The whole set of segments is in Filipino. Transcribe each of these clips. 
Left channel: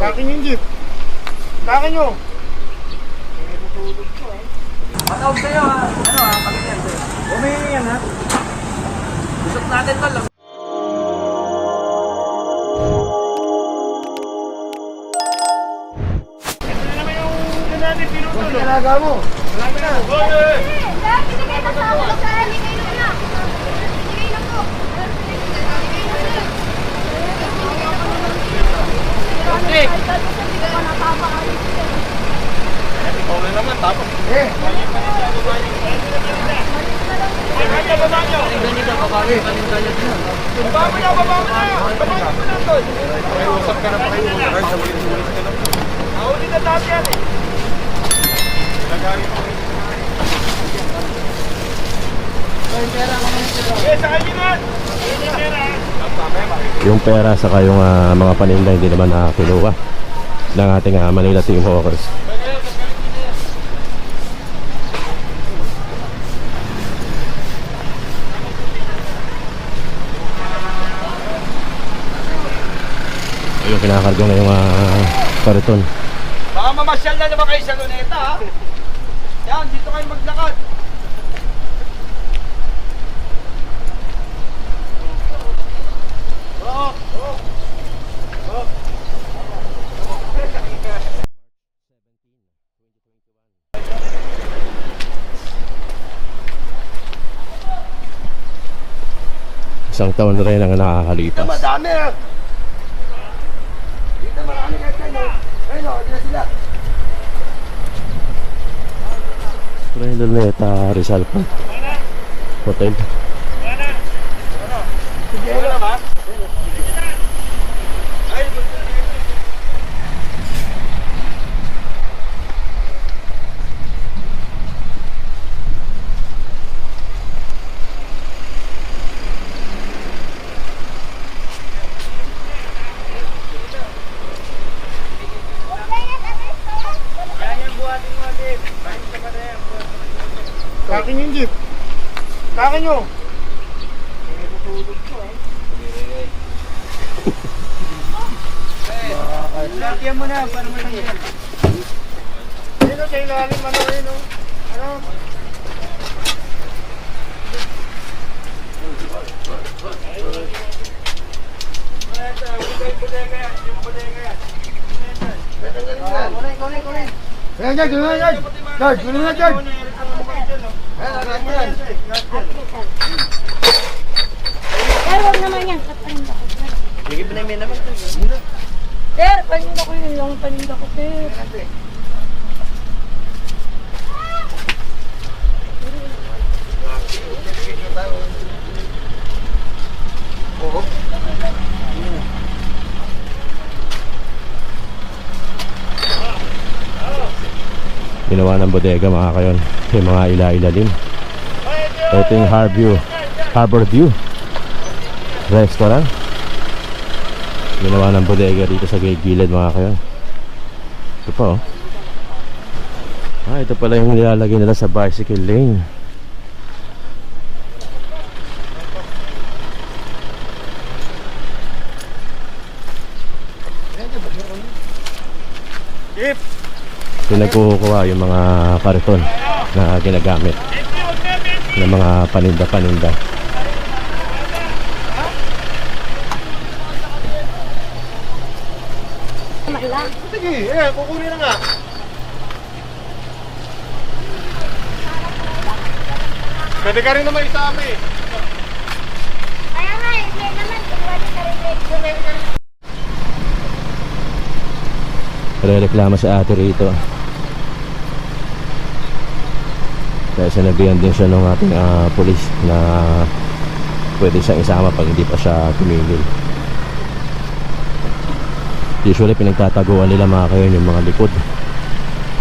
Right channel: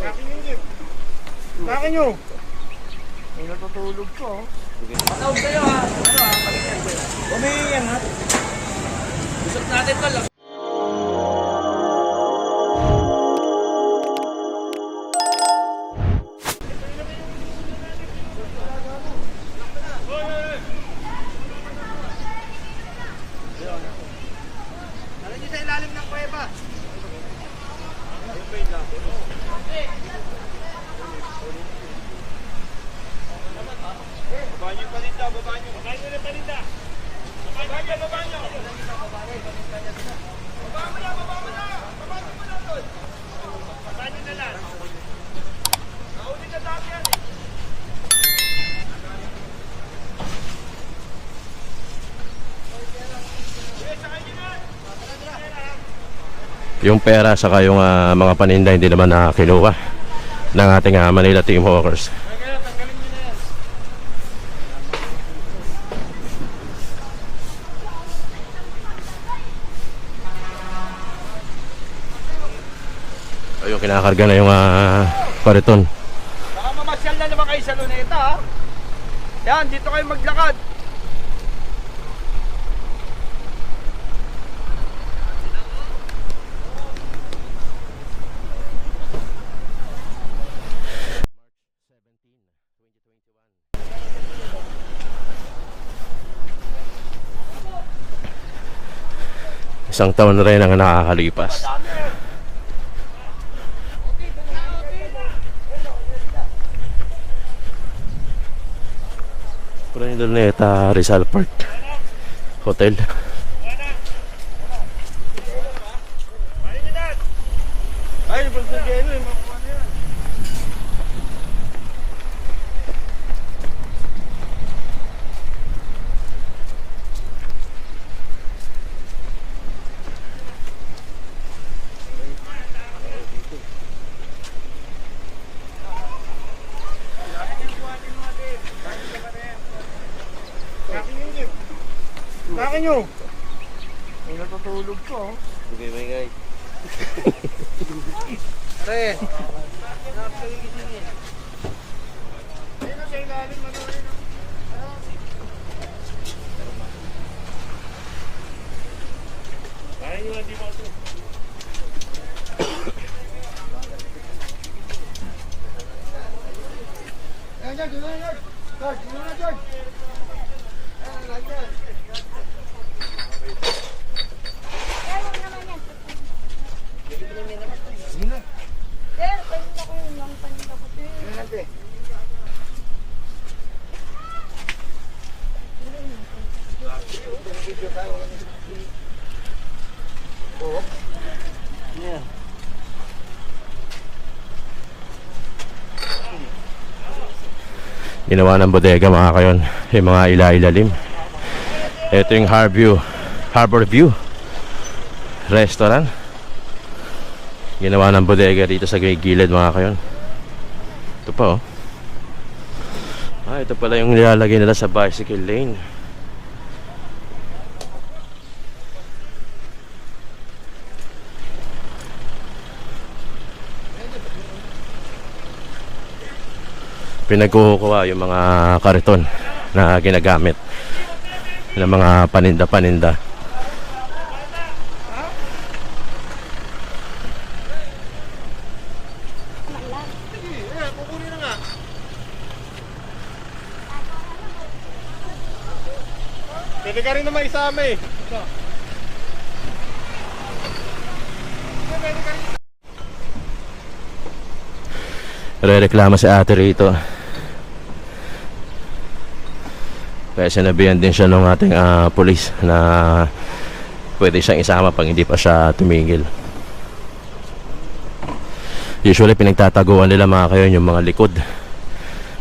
Akin yung jeep. Akin nyo. Natutulog ko ha. Matawag kayo ha. Ano ha? Palinyan. May yan ha. Usap natin pa lang. Ito na naman yung natin pinutulog. Ang talaga mo. Marami na. Ikaw na naman, tapos. Banyo pa rin siya, babanyo. Banyo, babanyo. Baba mo na, baba mo na. Babanyo mo na, tol. Pakiusap ka na, pakiusap. Nahuli na lahat yan eh. Lagari mo. Eh, sa kanya na. Yung pera saka yung mga paninda hindi naman nakakiluwa ng ating Manila Team Hawkers. O yung kinakarga na yung kariton. Baka mamasyal na naman kayo sa Luneta ha. Yan, dito kayo maglakad. Isang taon na rin ang nakakalipas. Madami. Dito marami kayo. Ayun o, dito sila. Luneta Rizal Park Hotel. Ay, bulbul. Akin yung jeep. Akin nyo. Natutulog ko ha. Eh, lakyan mo na. Paano mo na yan? Ayun o, sa ilalim, ano ayun o. Ano? Ayan, George, gano'n na, George. George, gano'n na, George. Pero wag naman yan, paninda ko. Bigyan mo na yung naman. Sir, paninda ko yun lang, paninda ko, sir. Ginawa ng bodega mga kayon. Yung mga ilailalim. Ito yung Harbor View Restaurant. Ginawa ng bodega dito sa gilid mga kayon. Ito pa oh. Ito pala yung nilalagay nila sa bicycle lane. Pinagkukuha yung mga kariton na ginagamit ng mga paninda-paninda. Malang. Sige, kukunin na nga. Pwede ka rin naman isama eh. Kaya nga, hindi naman, iwan ka rin. Pwede ka rin. Rereklamo si ate rito. Kaya sinabihan din siya ng ating pulis na pwede siyang isama pag hindi pa siya tumigil. Usually pinagtataguan nila mga kayon yung mga likod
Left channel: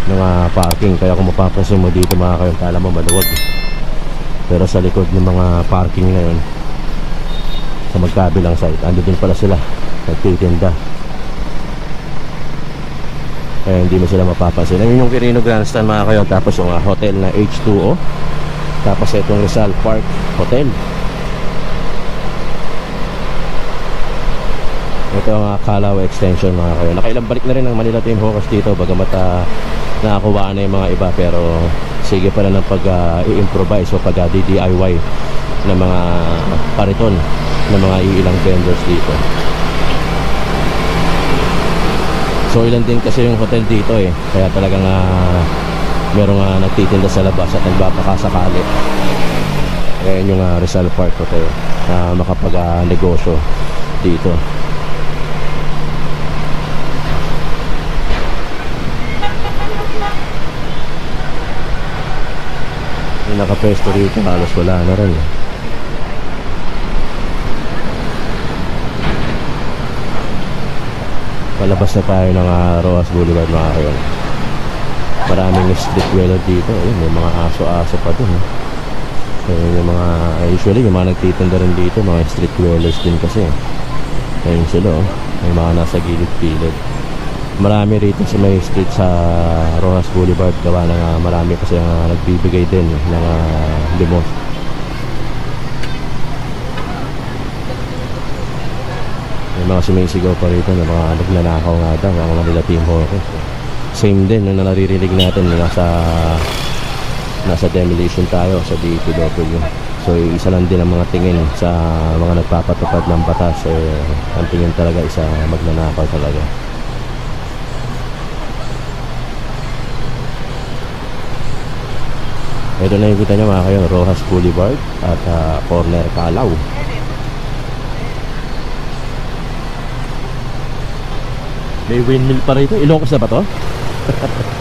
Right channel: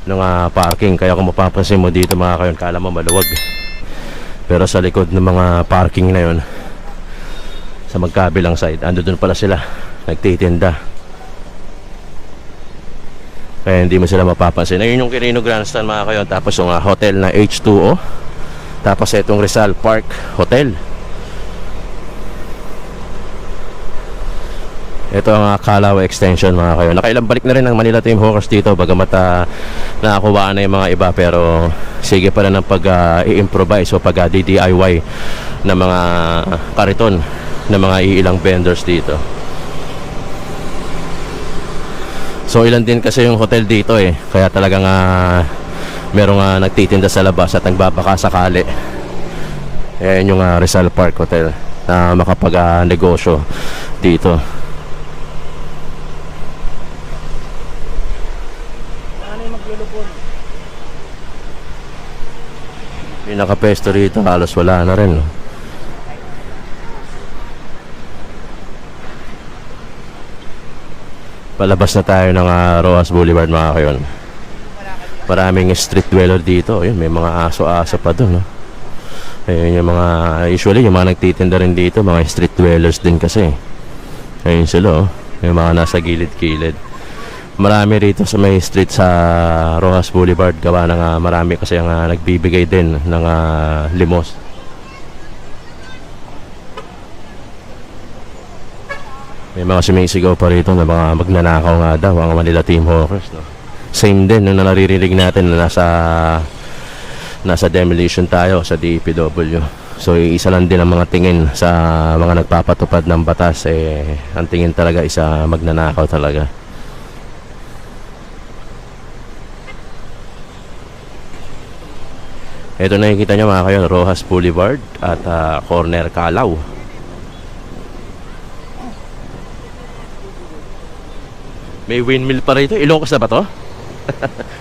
ng parking. Kaya kung mapapansin mo dito mga kayon, kala mo maluwag. Pero sa likod ng mga parking na yun, sa magkabilang side, ando dun pala sila nagtitinda. Kaya hindi mo sila mapapansin. Ayun yung Quirino Grandstand mga kayo. Tapos yung hotel na H2O. Tapos itong Rizal Park Hotel. Ito ang Calao Extension mga kayo. Nakailang balik na rin ng Manila Team Hawkers dito bagamat nakakuha na yung mga iba, pero sige pa rin ang pag-i-improvise o pag-DIY ng mga kariton ng mga ilang vendors dito. So ilan din kasi yung hotel dito eh, kaya talagang merong nagtitinda sa labas at nagbabakasakali. Ayan yung Rizal Park Hotel na makapag-negosyo dito. Yung nakapesto rito halos wala na rin. Palabas na tayo ng Rojas Boulevard mga kayon. Maraming street dweller dito. Ayun, may mga aso-aso pa doon. Ayun yung mga, usually yung mga nagtitinda rin dito, mga street dwellers din kasi. Ayun sila oh. May mga nasa gilid-gilid. Marami rito sa may street sa Rojas Boulevard. Gawa ng marami kasi ang nagbibigay din ng limos. May mga sumisigaw pa rito na mga magnanakaw nga daw ang Manila Team Hawkers. Same din na naririnig natin na nasa demolition tayo sa DPW. So yung isa lang din ang mga tingin sa mga nagpapatupad ng batas ang tingin talaga isa magnanakaw talaga. Ito na nakikita nyo mga kayo, Rojas Boulevard at corner Calao. May windmill pa rito. Ilocos na ba to?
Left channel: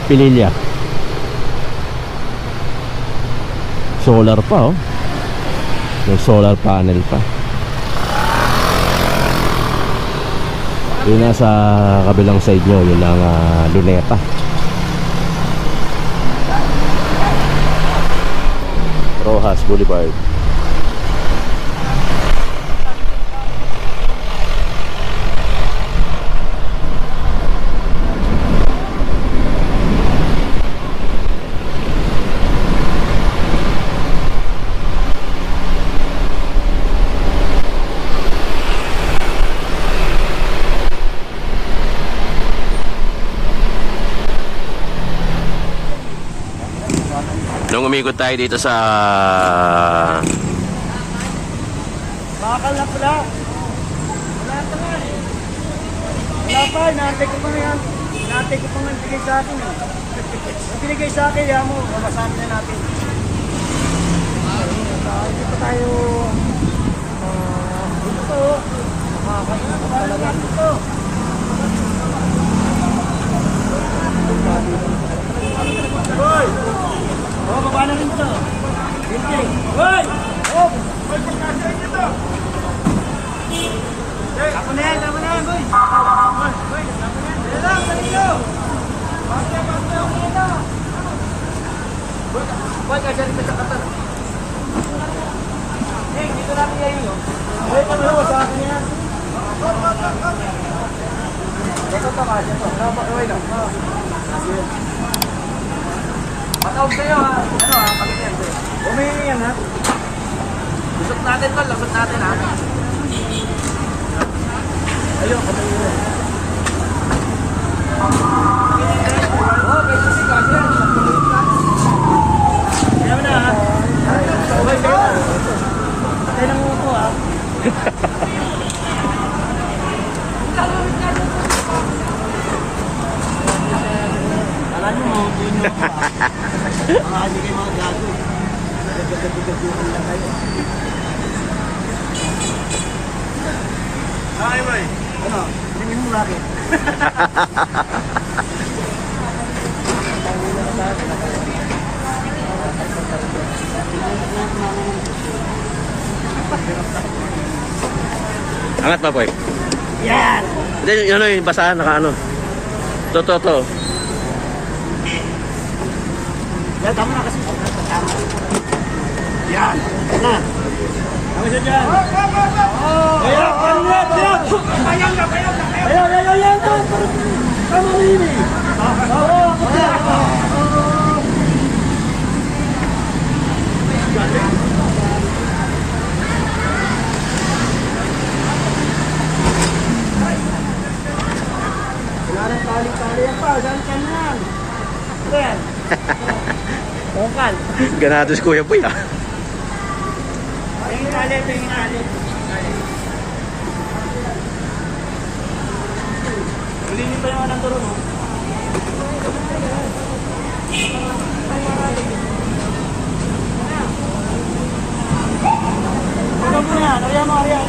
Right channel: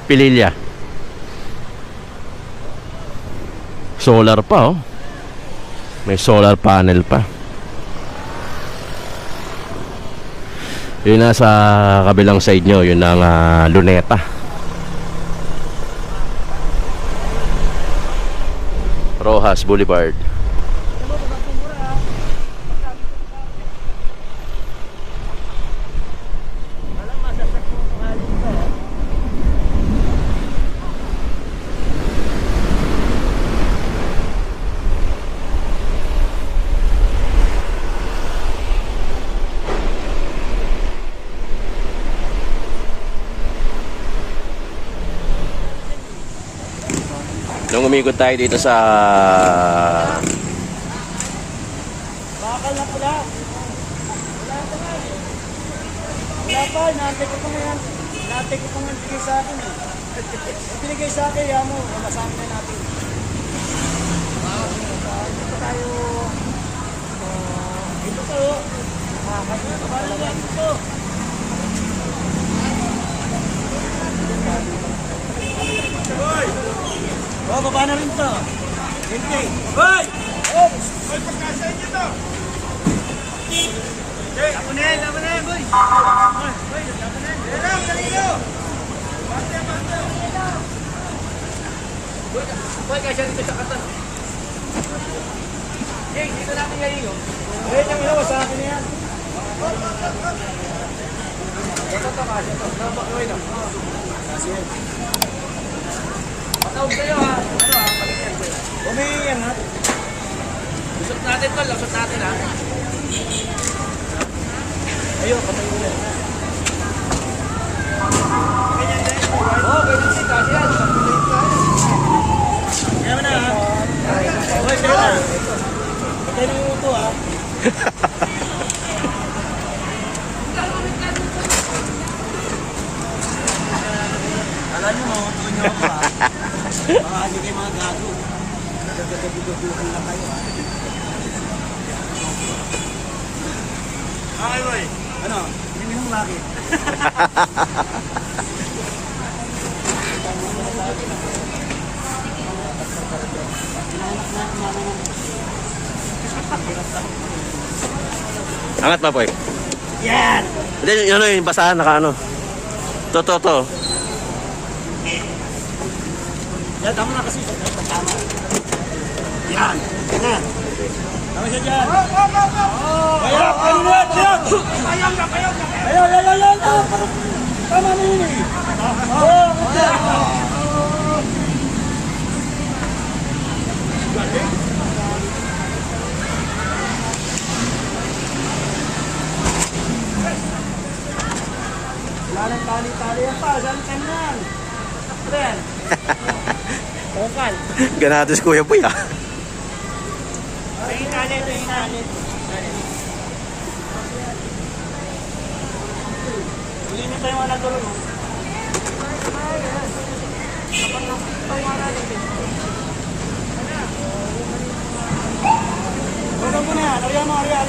Pililya. Solar pa oh. May solar panel pa. Yun nasa kabilang side nyo, yun ang Luneta. Rojas Boulevard. Nung umikot tayo dito sa Bakal na pala. Wala pa nga eh. Wala pa, inaantay ko pa nga yan. Inaantay ko pa nga binigay sa akin eh. Yung binigay sa akin, yan mo, mamasama na natin. Dito tayo. Dito po. Makakasama na dito. Hoy! Oh, paano rin ito? Hoy! Hoy! Ako na yan, boy! Boy, lang, kanino! Boy, kasi dito sa katar. Dito natin ngayon, no? Boy, kami na, sa akin yan. Ito ito, kasi ito. Tama ka, boy, no? Matawag kayo, ha? Ano, ha? Pagkakyan, boy. Umihi yan, ha? Lusot natin, tol. Lusot natin, ha? Ayun, katay mo yan. Ganyan din. Oo, ganyan din kasi yan. Sakulit ka. Kaya mo na, ha? Okay, kaya na. Patay na mo po, ha? Alam mo, marami kayo mga gato. Gagadugan lang kayo. Ay, boy. Ano? Hindi mo bakit? Angat pa, boy. Yan! Hindi, yun yung basahan, naka ano. To. Yan, tama na kasi. Yan! Na! Tama siya dyan! Kaya! Ano mo? Kayang na! Kaya! Tama na yun eh! Galing! Anong tali-tali yan pa? Saan ka na yan? Ano yan? Tungkal. Ganados Kuya Boy ah. Tingin tali, tingin tali. Ulitin pa yung anong tulong mo. Tulong mo yan. Kaya mo, kaya.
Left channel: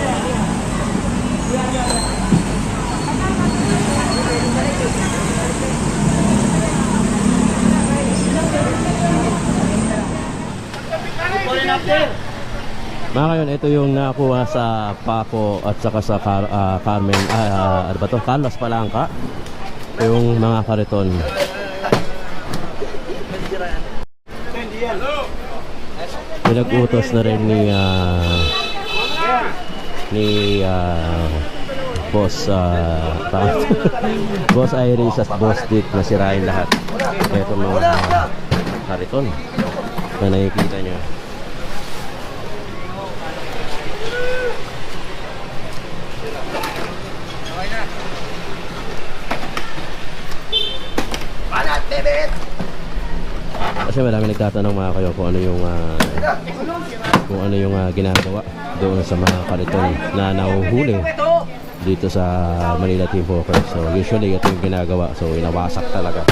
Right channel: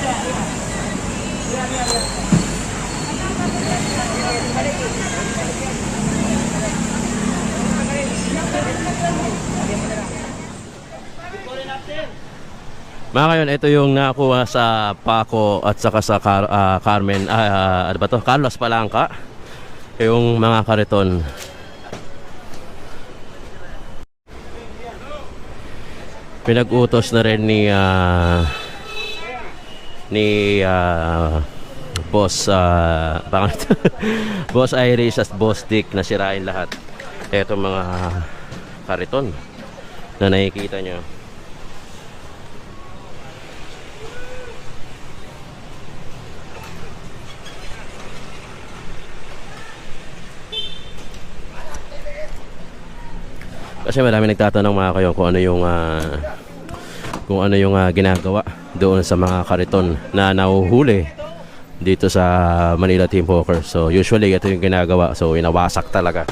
Mga kayon, ito yung nakuha sa Paco at saka sa Carmen, ano ba to? Carlos Palangka. Yung mga kariton. Pinag-utos na rin ni Boss Boss Iris at Boss Dick na sirahin lahat. Ito mga kariton na nakikita nyo. Kasi marami nagtatanong mga kayo kung ano yung ginagawa doon sa mga kariton na nahuhuli dito sa Manila Team Poker. So usually ito yung ginagawa. So inawasak talaga.